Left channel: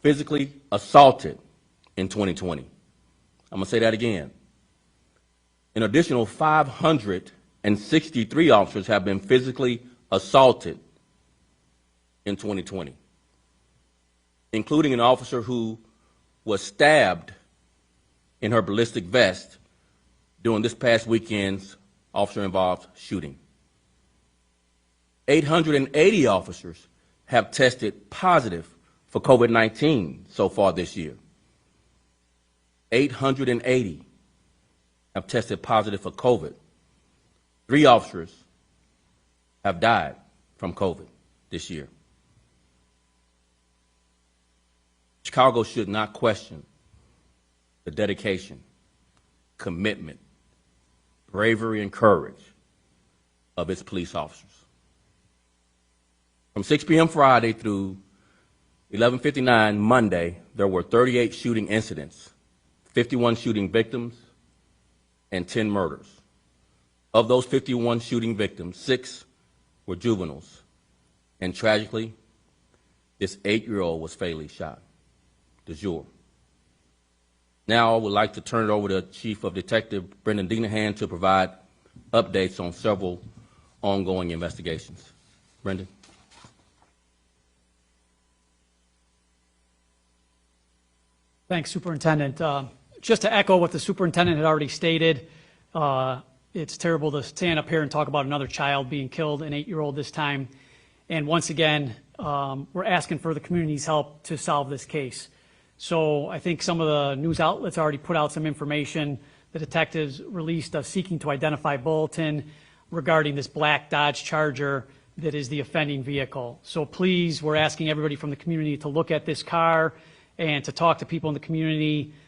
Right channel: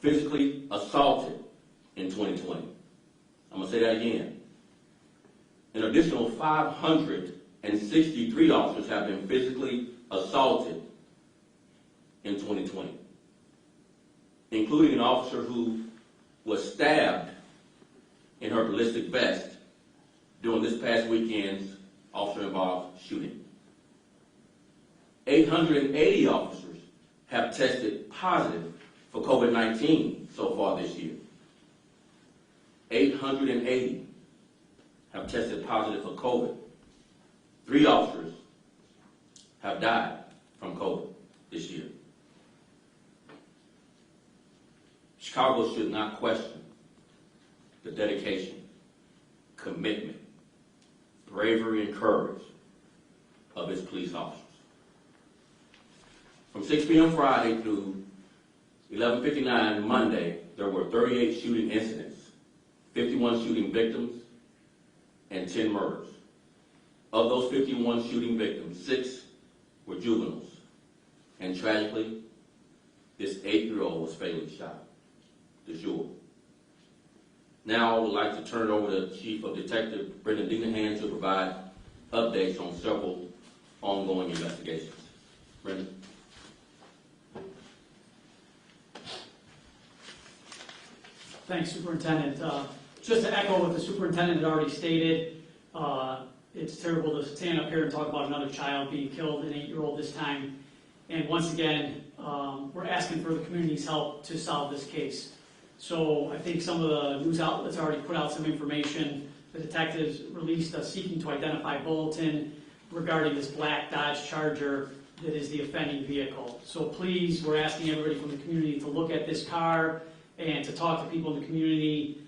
physically assaulted in 2020. I'm going to say that again. An additional 563 officers have been physically assaulted in 2020, including an officer who was stabbed in her ballistic vest during this past weekend's officer-involved shooting. 880 officers have tested positive for COVID-19 so far this year. 880 have tested positive for COVID. 3 officers have died from COVID this year. Chicago should not question the dedication, commitment, bravery, and courage of its police officers. From 6 p.m. Friday through 11:59 Monday, there were 38 shooting incidents, 51 shooting victims, and 10 murders. Of those 51 shooting victims, 6 were juveniles, and tragically, this 8-year-old was fatally shot. De jour. Now I would like to turn it over to Chief of Detective Brendan Dinehan to provide updates on several ongoing investigations. Brendan. Thanks, Superintendent. Just to echo what the superintendent had already stated, it's terrible to stand up here and talk about another child being killed, an 8-year-old this time. And once again, we're asking for the community's help to solve this case. So I think some of the news outlets already put out some information. The detectives released a seeking to identify bulletin regarding this black Dodge Charger that is the offending vehicle. So please, we're asking everybody from the community to look at this car and to talk to people in the community.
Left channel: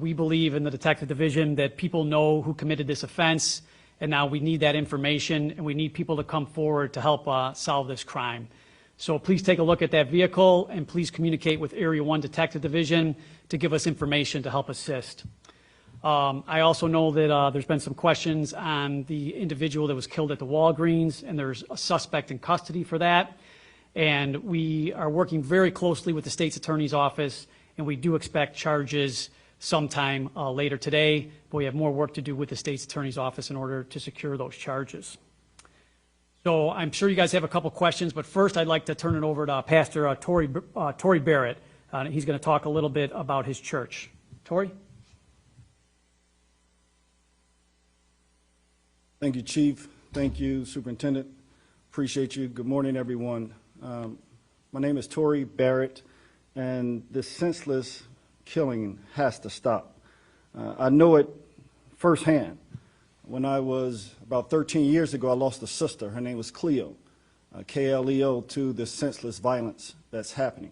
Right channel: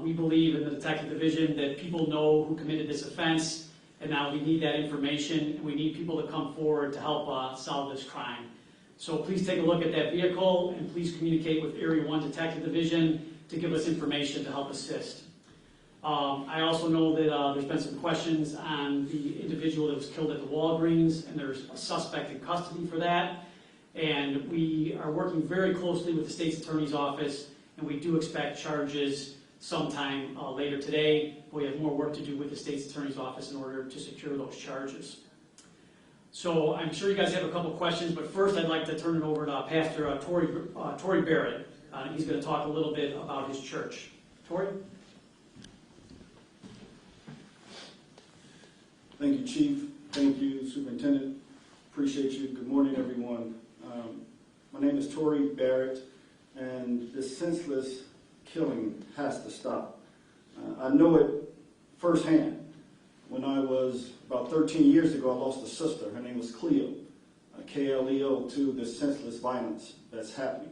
We believe in the detective division that people know who committed this offense, and now we need that information, and we need people to come forward to help solve this crime. So please take a look at that vehicle, and please communicate with Area 1 Detective Division to give us information to help assist. I also know that there's been some questions on the individual that was killed at the Walgreens, and there's a suspect in custody for that. And we are working very closely with the state's attorney's office, and we do expect charges sometime later today, but we have more work to do with the state's attorney's office in order to secure those charges. So I'm sure you guys have a couple questions, but first I'd like to turn it over to Pastor Tori Barrett. He's going to talk a little bit about his church. Tori? Thank you, Chief. Thank you, Superintendent. Appreciate you. Good morning, everyone. My name is Tori Barrett, and this senseless killing has to stop. I know it firsthand. When I was about 13 years ago, I lost a sister. Her name was Cleo, K-L-E-O, to this senseless violence that's happening.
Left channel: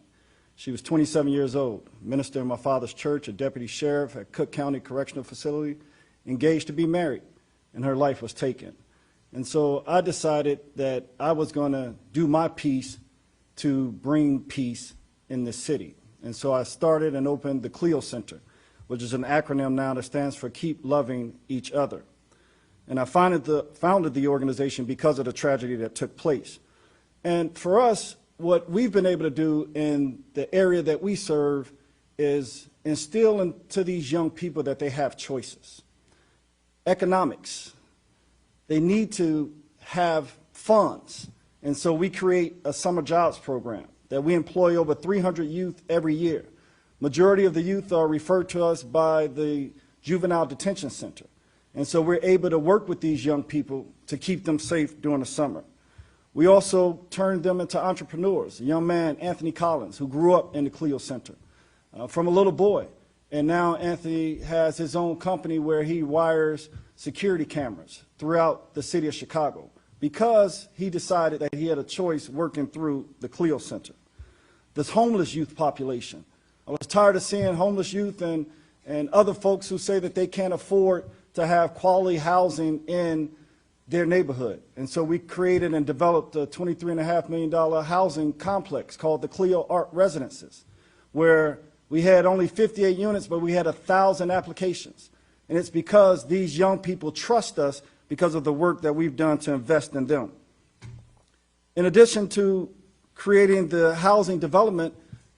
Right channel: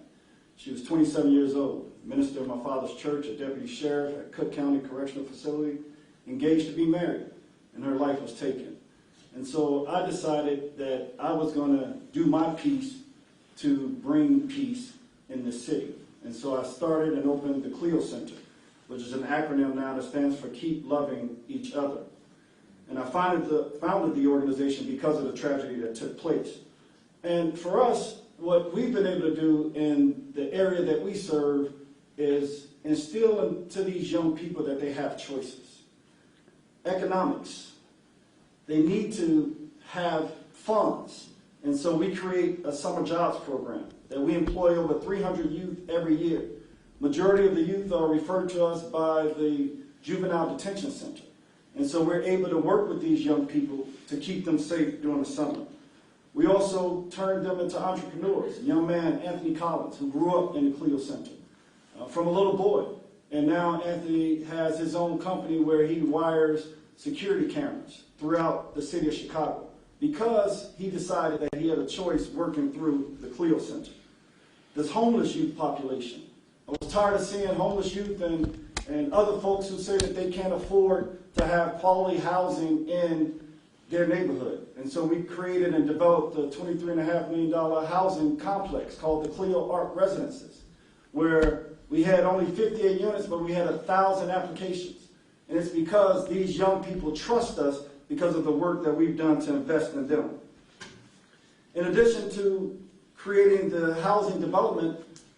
She was 27 years old, minister in my father's church, a deputy sheriff at Cook County Correctional Facility, engaged to be married, and her life was taken. And so I decided that I was going to do my piece to bring peace in this city. And so I started and opened the Cleo Center, which is an acronym now that stands for Keep Loving Each Other. And I founded the organization because of the tragedy that took place. And for us, what we've been able to do in the area that we serve is instill into these young people that they have choices. Economics. They need to have funds. And so we create a summer jobs program that we employ over 300 youth every year. Majority of the youth are referred to us by the Juvenile Detention Center. And so we're able to work with these young people to keep them safe during the summer. We also turned them into entrepreneurs. A young man, Anthony Collins, who grew up in the Cleo Center from a little boy. And now Anthony has his own company where he wires security cameras throughout the city of Chicago because he decided that he had a choice working through the Cleo Center. This homeless youth population. I was tired of seeing homeless youth and other folks who say that they can't afford to have quality housing in their neighborhood. And so we created and developed a $23.5 million housing complex called the Cleo Art Residences, where we had only 58 units, but we had 1,000 applications. And it's because these young people trust us because of the work that we've done to invest in them. In addition to creating the housing development,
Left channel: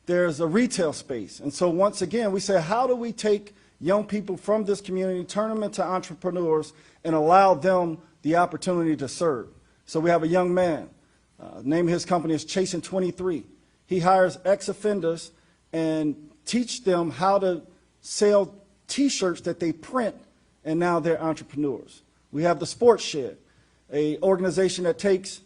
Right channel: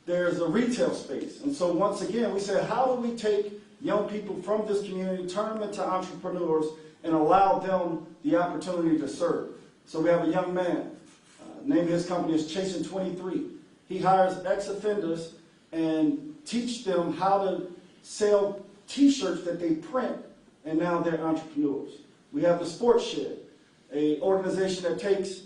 there's a retail space. And so once again, we say, how do we take young people from this community, turn them into entrepreneurs, and allow them the opportunity to serve? So we have a young man, name of his company is Chasing 23. He hires ex-offenders and teach them how to sell T-shirts that they print, and now they're entrepreneurs. We have the Sports Shed, an organization that takes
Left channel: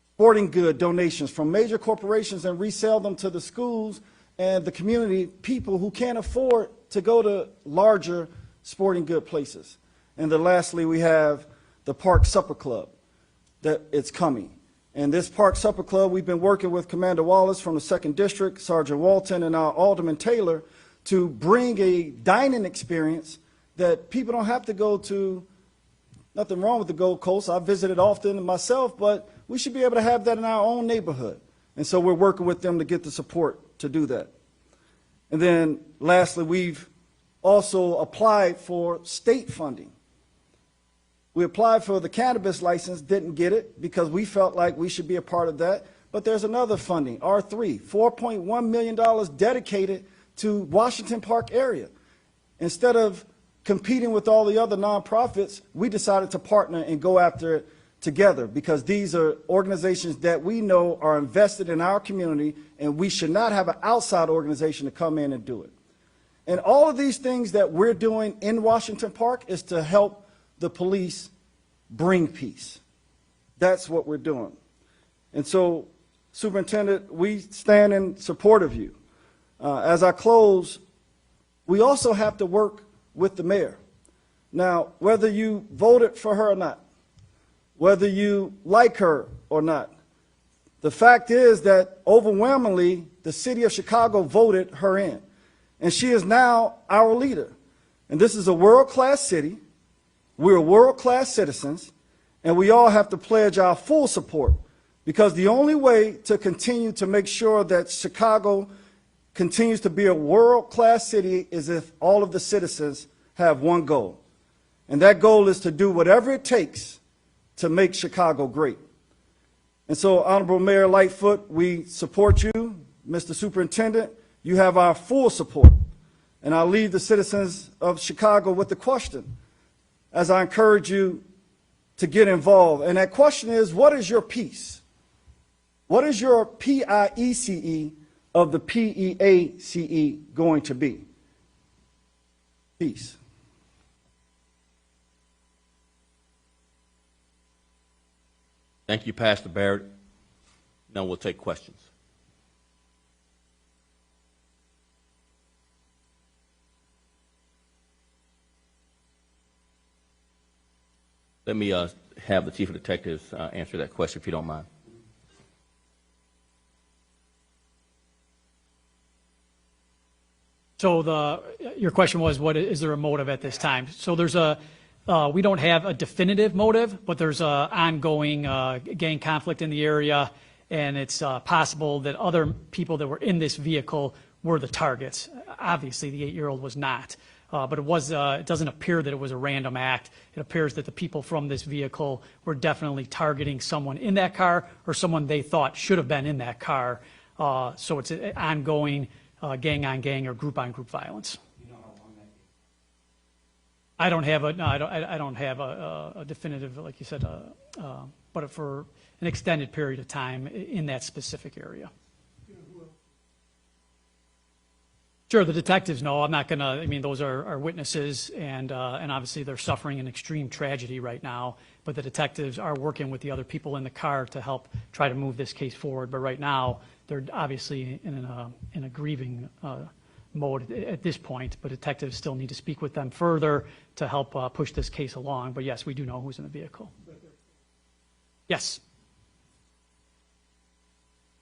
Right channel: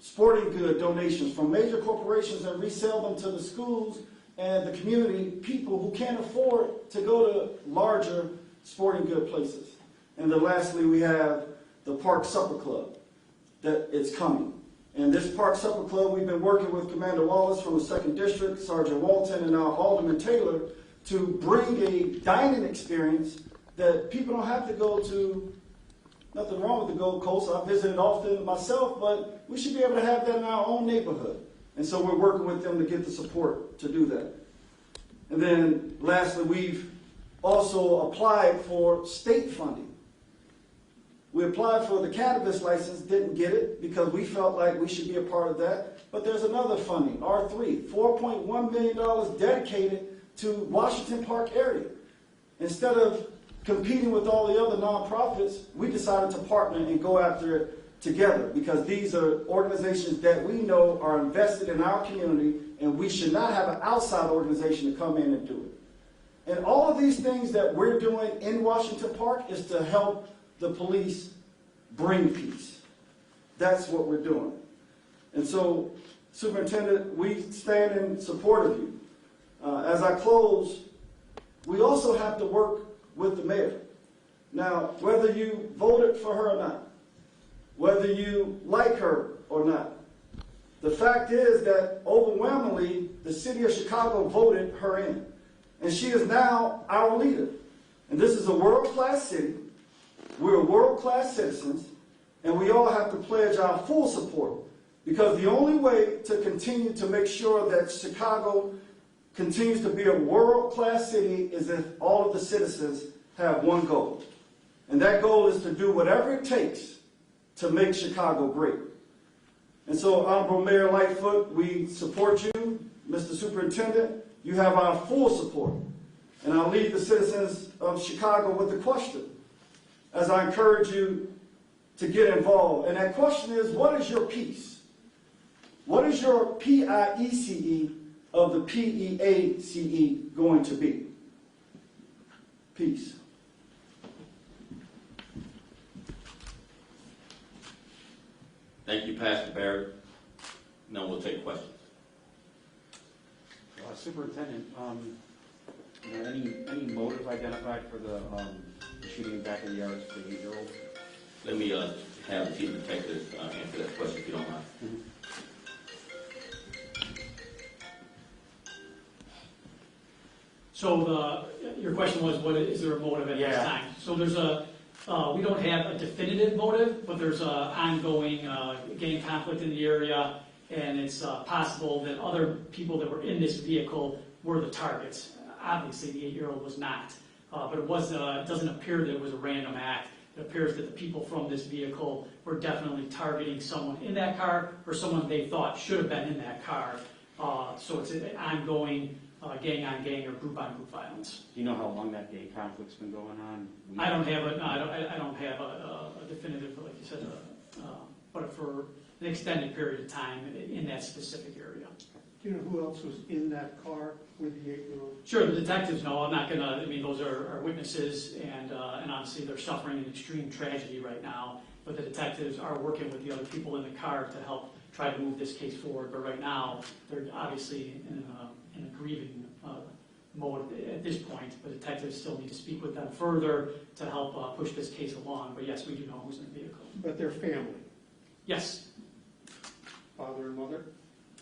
sporting good donations from major corporations and resell them to the schools and the community people who can't afford to go to larger sporting good places. And then lastly, we have the Park Supper Club, that it's coming. And this Park Supper Club, we've been working with Commander Wallace from the 2nd District, Sergeant Walton, and our Alderman Taylor to bring a dining experience that people don't have to go to. Nothing wrong with the Gold Coast. I visited often myself, but we should be able to have that in our own neighborhood. And so we're working with them to get the support to do that. And then lastly, we've also applied for state funding. We applied for the cannabis license, didn't get it because we felt like we should be a part of that. But there's another funding, R3, $4.1 million dedicated to Washington Park area. Instead of competing with all the other nonprofits, we decided to partner and go after it together because these are organizations that we know are invested in our community, and we should not have an outside organization to come in and do it. And all of these things that we're doing in Washington Park is to help the police bring peace. That's what we're doing. And so, Superintendent, we stand in support of you. As I close, we also have to work with the mayor. Now, whether you voted for her or not, whether you like her or not, the fact is that overwhelmingly the city of Chicago voted her in. And she is now our leader. And this is a world-class city. We're world-class citizens. And we all have to pledge our full support, because the only way to continue to make sure that Chicago continues to be a world-class city is if all of the citizens have one goal. And that goal is to do whatever it takes to make Chicago great. And so, Honorable Mayor Lightfoot, we support you. Mr. Superintendent, you have our full support. And I'll leave the citizens of Chicago with the question, as I encourage you to get involved. And that question is, what is your piece? What is your PIECE of the PEACE going to be? Peace. Thank you, Pastor Barrett. Now we'll take questions. Superintendent, any motive identified for the shooting back in the yards for the 8-year-old? Let me have the chief of detectives answer that question, if you don't mind. Mm-hmm. So your question was, is there a motive at this time? So there's we don't have a definitive motive, but there's a ongoing gang conflict in the area, and it's possible that other people that were in this vehicle were the targets. Obviously, the 8-year-old was not, but it doesn't appear that it was a random act. It appears that the people from this vehicle were definitely targeting someone in that car or someone they thought should have been in that car. So it's an ongoing gang-on-gang or group-on-group violence. Do you know how long that gang conflict's been going on? I don't have a definitive, like you said, but for an extended period of time in that specific area. Do you know who else was in that car with the 8-year-old? Sure, the detectives know. I'm not gonna. I mean, those are witnesses, and obviously they're suffering an extreme tragedy right now. But the detectives are working with the other people in the car to help try to move this case forward. But right now, they're obviously in a grieving mode at this point. But detectives still need to speak with them further to help push this case along. But yes, we do know who's in the vehicle. But their family, Yes, father and mother?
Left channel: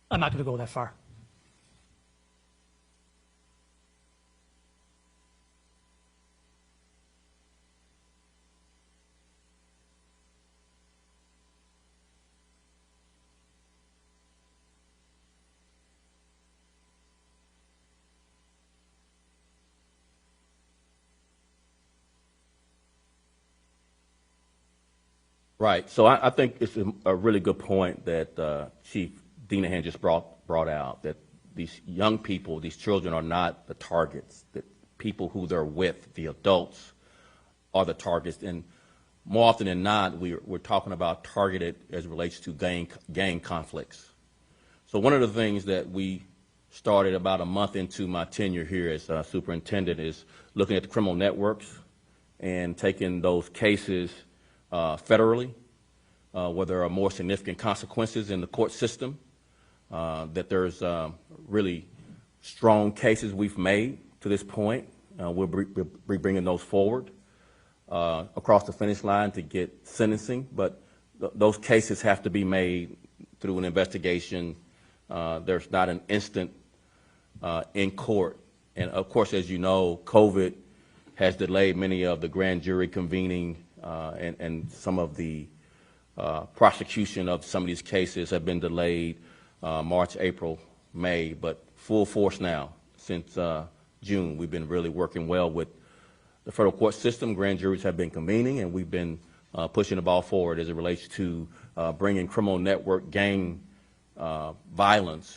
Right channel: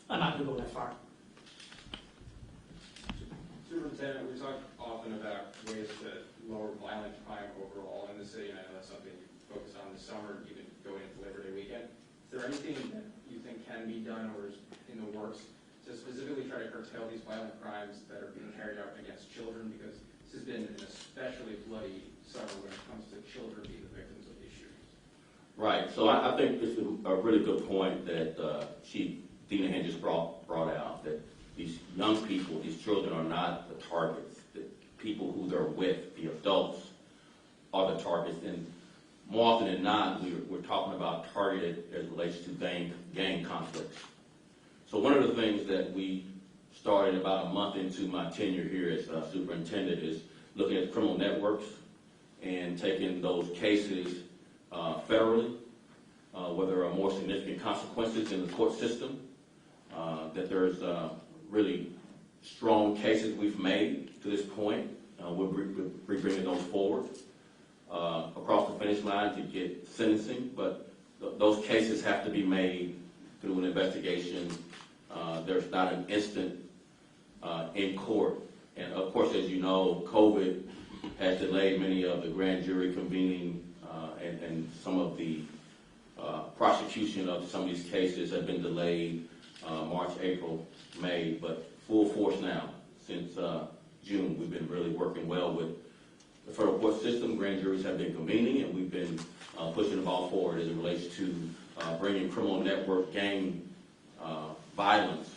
I'm not going to go that far. Superintendent, we talk often about ways to lower violent crime overall in the city, and I know that's something you focus on this summer, even going into Labor Day weekend. Is there anything that you think can be done or is in the works to specifically try to curtail these violent crimes that are being carried out against children? Because this has been an especially bloody summer when it comes to children being the victims of these shootings. Right. So I think it's a really good point that Chief Dinehan just brought out, that these young people, these children are not the targets. The people who they're with, the adults, are the targets. And more often than not, we're talking about targeted as it relates to gang conflicts. So one of the things that we started about a month into my tenure here as superintendent is looking at the criminal networks and taking those cases federally, where there are more significant consequences in the court system, that there's really strong cases we've made to this point. We'll be bringing those forward across the finish line to get sentencing, but those cases have to be made through an investigation. There's not an instant in court. And of course, as you know, COVID has delayed many of the grand jury convening, and some of the prosecution of some of these cases have been delayed March, April, May, but full force now since June. We've been really working well with the federal court system. Grand juries have been convening, and we've been pushing the ball forward as it relates to bringing criminal network gang violence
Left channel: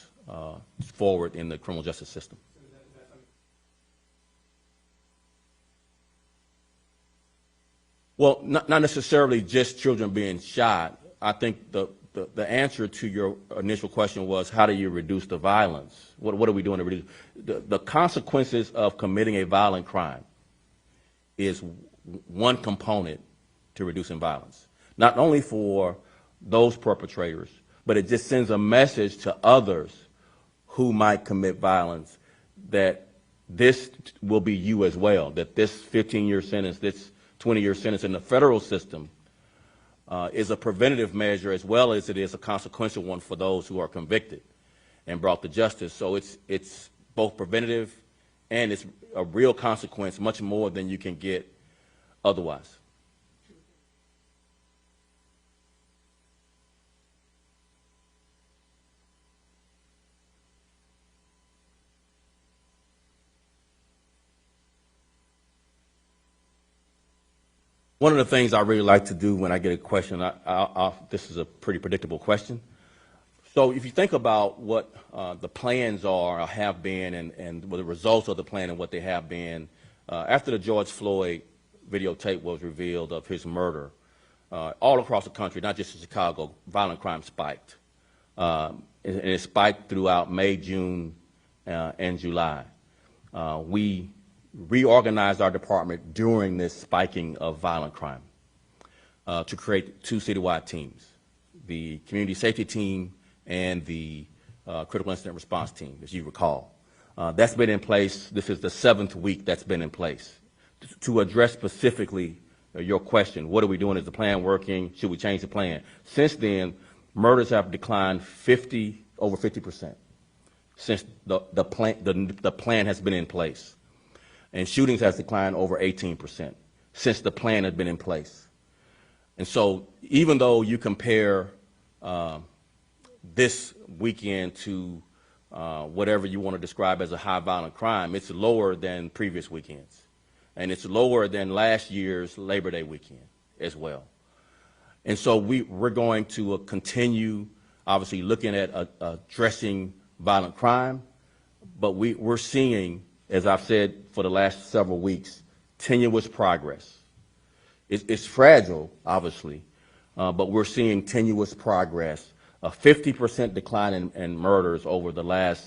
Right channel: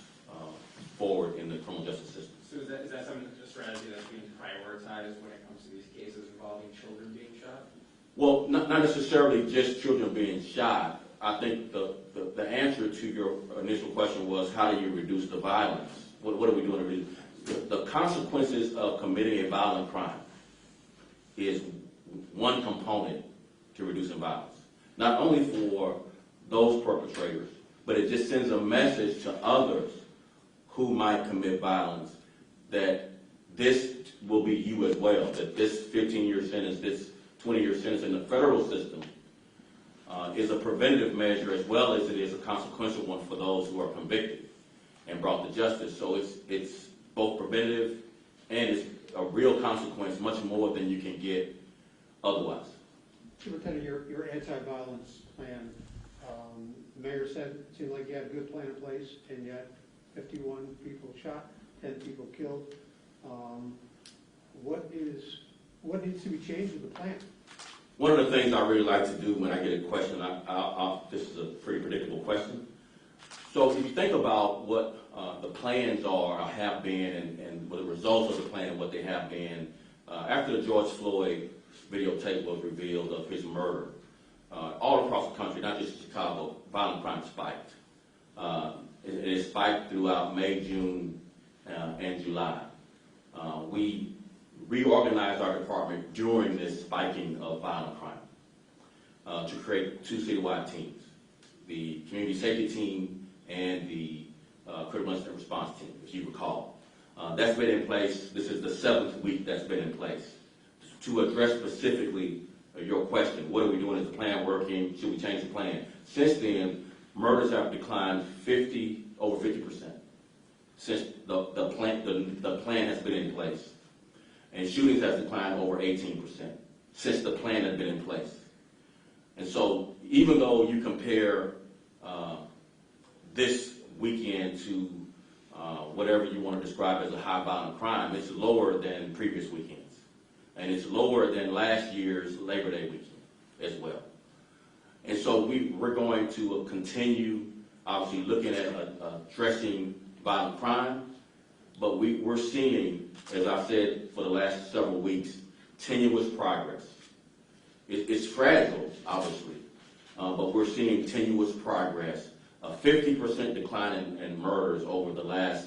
forward in the criminal justice system. So is that something, a strategy that's being prioritized when it comes to these cases involving children being shot? Well, not necessarily just children being shot. I think the answer to your initial question was, how do you reduce the violence? What are we doing to reduce? The consequences of committing a violent crime is one component to reducing violence. Not only for those perpetrators, but it just sends a message to others who might commit violence that this will be you as well, that this 15-year sentence, this 20-year sentence in the federal system is a preventative measure as well as it is a consequential one for those who are convicted and brought to justice. So it's both preventative and it's a real consequence, much more than you can get otherwise. Superintendent, your anti-violence plan, the mayor said it seemed like you had a good plan in place, and yet 51 people shot, 10 people killed. What needs to be changed with the plan? One of the things I really like to do when I get a question, this is a pretty predictable question. So if you think about what the plans are or have been and what the results of the plan and what they have been, after the George Floyd videotape was revealed of his murder, all across the country, not just in Chicago, violent crime spiked. And it spiked throughout May, June, and July. We reorganized our department during this spiking of violent crime to create two citywide teams, the community safety team and the critical incident response team, as you recall. That's been in place. This is the 7th week that's been in place. To address specifically your question, what are we doing? Is the plan working? Should we change the plan? Since then, murders have declined over 50% since the plan has been in place. And shootings has declined over 18% since the plan had been in place. And so even though you compare this weekend to whatever you want to describe as a high violent crime, it's lower than previous weekends. And it's lower than last year's Labor Day weekend as well. And so we're going to continue, obviously, looking at addressing violent crime, but we're seeing, as I've said for the last several weeks, tenuous progress. It's fragile, obviously, but we're seeing tenuous progress. A 50% decline in murders over the last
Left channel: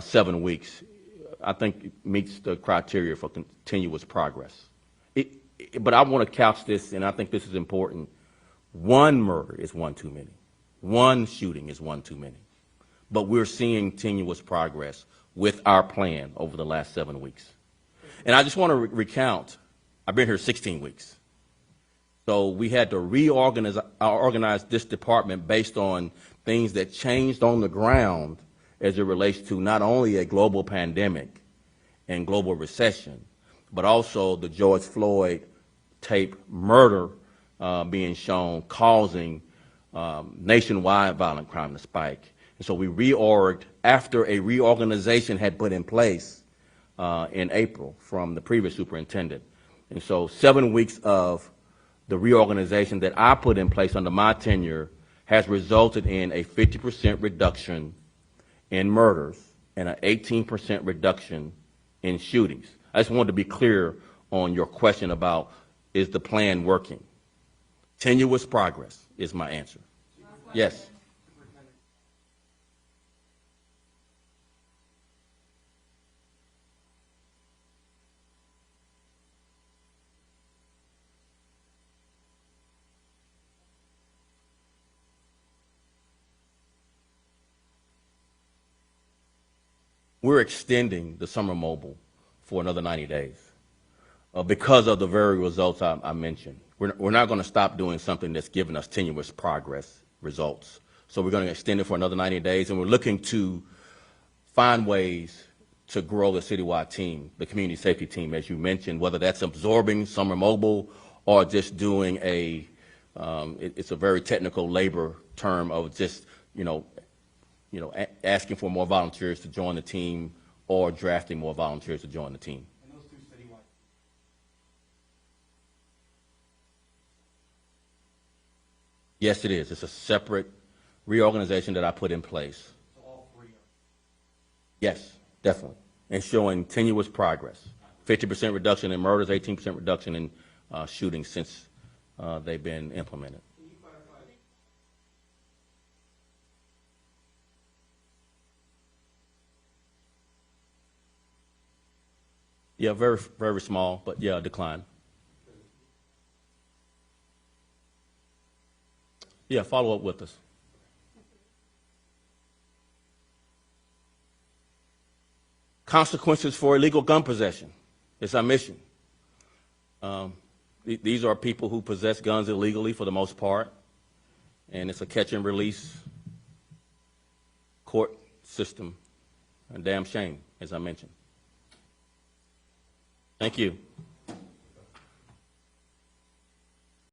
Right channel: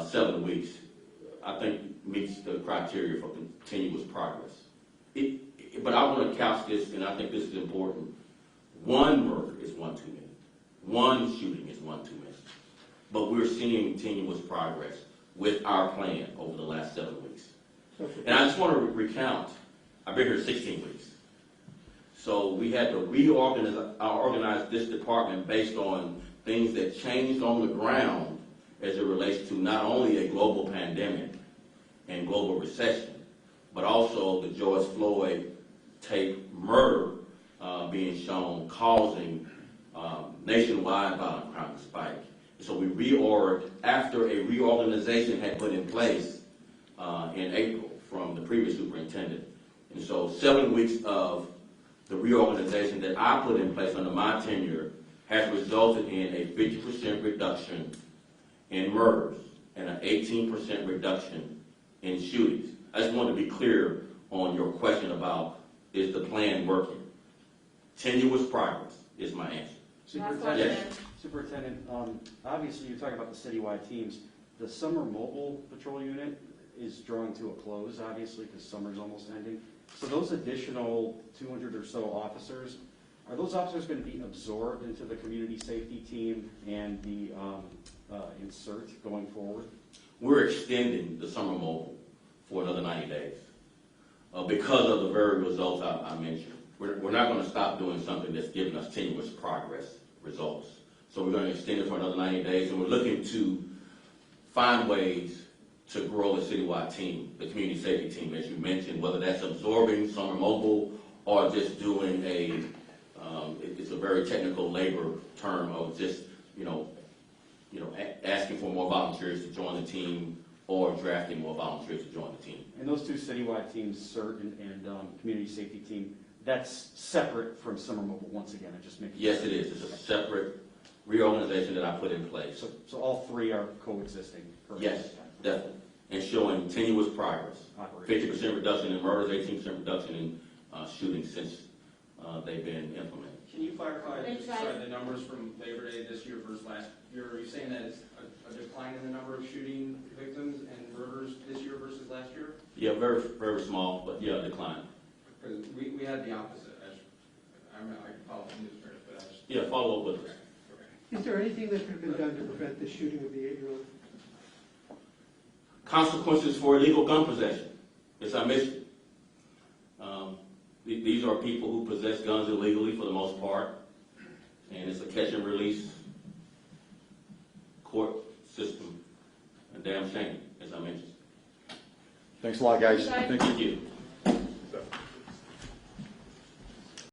7 weeks, I think meets the criteria for continuous progress. But I want to couch this, and I think this is important. One murder is one too many. One shooting is one too many. But we're seeing tenuous progress with our plan over the last 7 weeks. And I just want to recount, I've been here 16 weeks. So we had to organize this department based on things that changed on the ground as it relates to not only a global pandemic and global recession, but also the George Floyd tape murder being shown, causing nationwide violent crime to spike. And so we reorged after a reorganization had put in place in April from the previous superintendent. And so 7 weeks of the reorganization that I put in place under my tenure has resulted in a 50% reduction in murders and an 18% reduction in shootings. I just wanted to be clear on your question about, is the plan working? Tenuous progress is my answer. Superintendent? Yes. Superintendent, obviously you're talking about the citywide teams. The summer mobile patrol unit is drawing to a close, obviously, because summer's almost ending. So those additional 200 or so officers, are those officers going to be absorbed into the community safety team and the insert going forward? We're extending the summer mobile for another 90 days because of the very results I mentioned. We're not going to stop doing something that's giving us tenuous progress results. So we're going to extend it for another 90 days, and we're looking to find ways to grow the citywide team, the community safety team, as you mentioned, whether that's absorbing summer mobile or just doing it's a very technical labor term of just, asking for more volunteers to join the team or drafting more volunteers to join the team. And those two citywide teams, CERT and community safety team, that's separate from summer mobile once again, I just making Yes, sure. it is. It's a separate reorganization that I put in place. So all three are coexisting? Yes, definitely. And showing tenuous progress. 50% reduction in murders, 18% reduction in shootings since they've been implemented. Can you clarify, the numbers from Labor Day this year versus last year? Are you saying that it's a decline in the number of shooting victims and murders this year versus last year? Yeah, very, very small, but yeah, a decline. Because we had the opposite. I follow the news, but I was. Yeah, follow up with us. Is there anything that could have been done to prevent the shooting of the 8-year-old? Consequences for illegal gun possession. It's our mission. These are people who possess guns illegally for the most part, and it's a catch and release court system. A damn shame, as I mentioned. Thanks a lot, guys. Thank you.